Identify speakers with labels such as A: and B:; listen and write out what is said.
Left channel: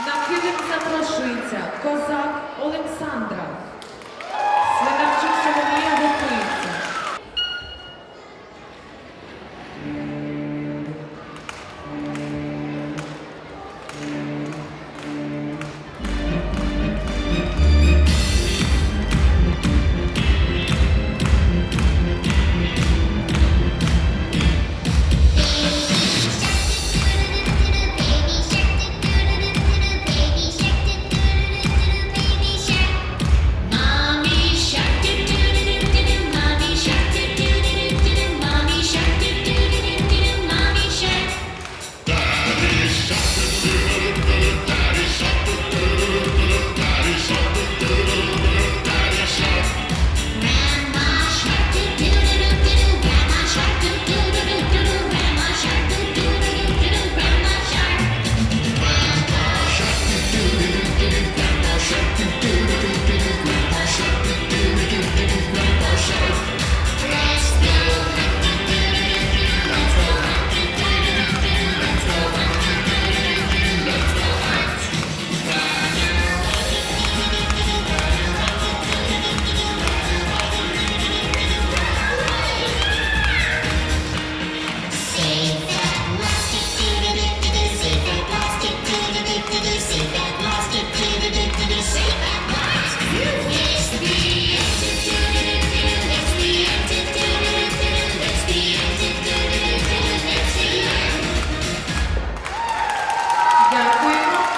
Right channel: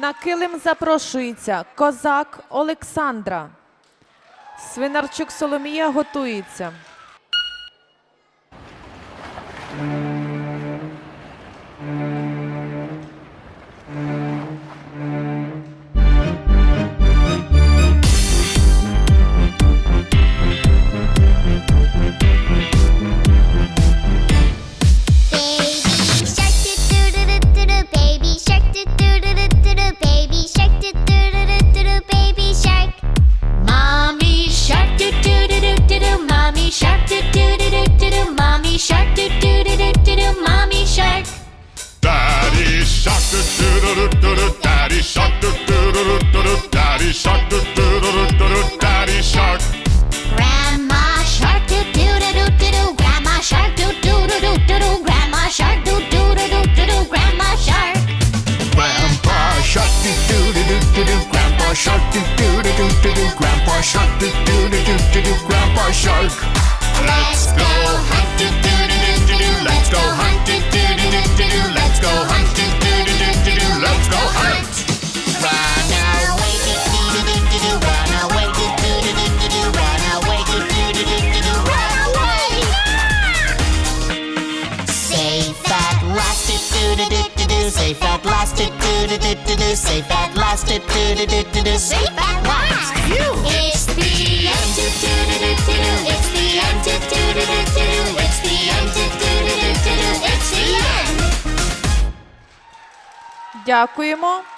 A: На килим запрошується козак Олександра. Свинарчук Соломія
B: готова. Thank you.
A: Дякуємо.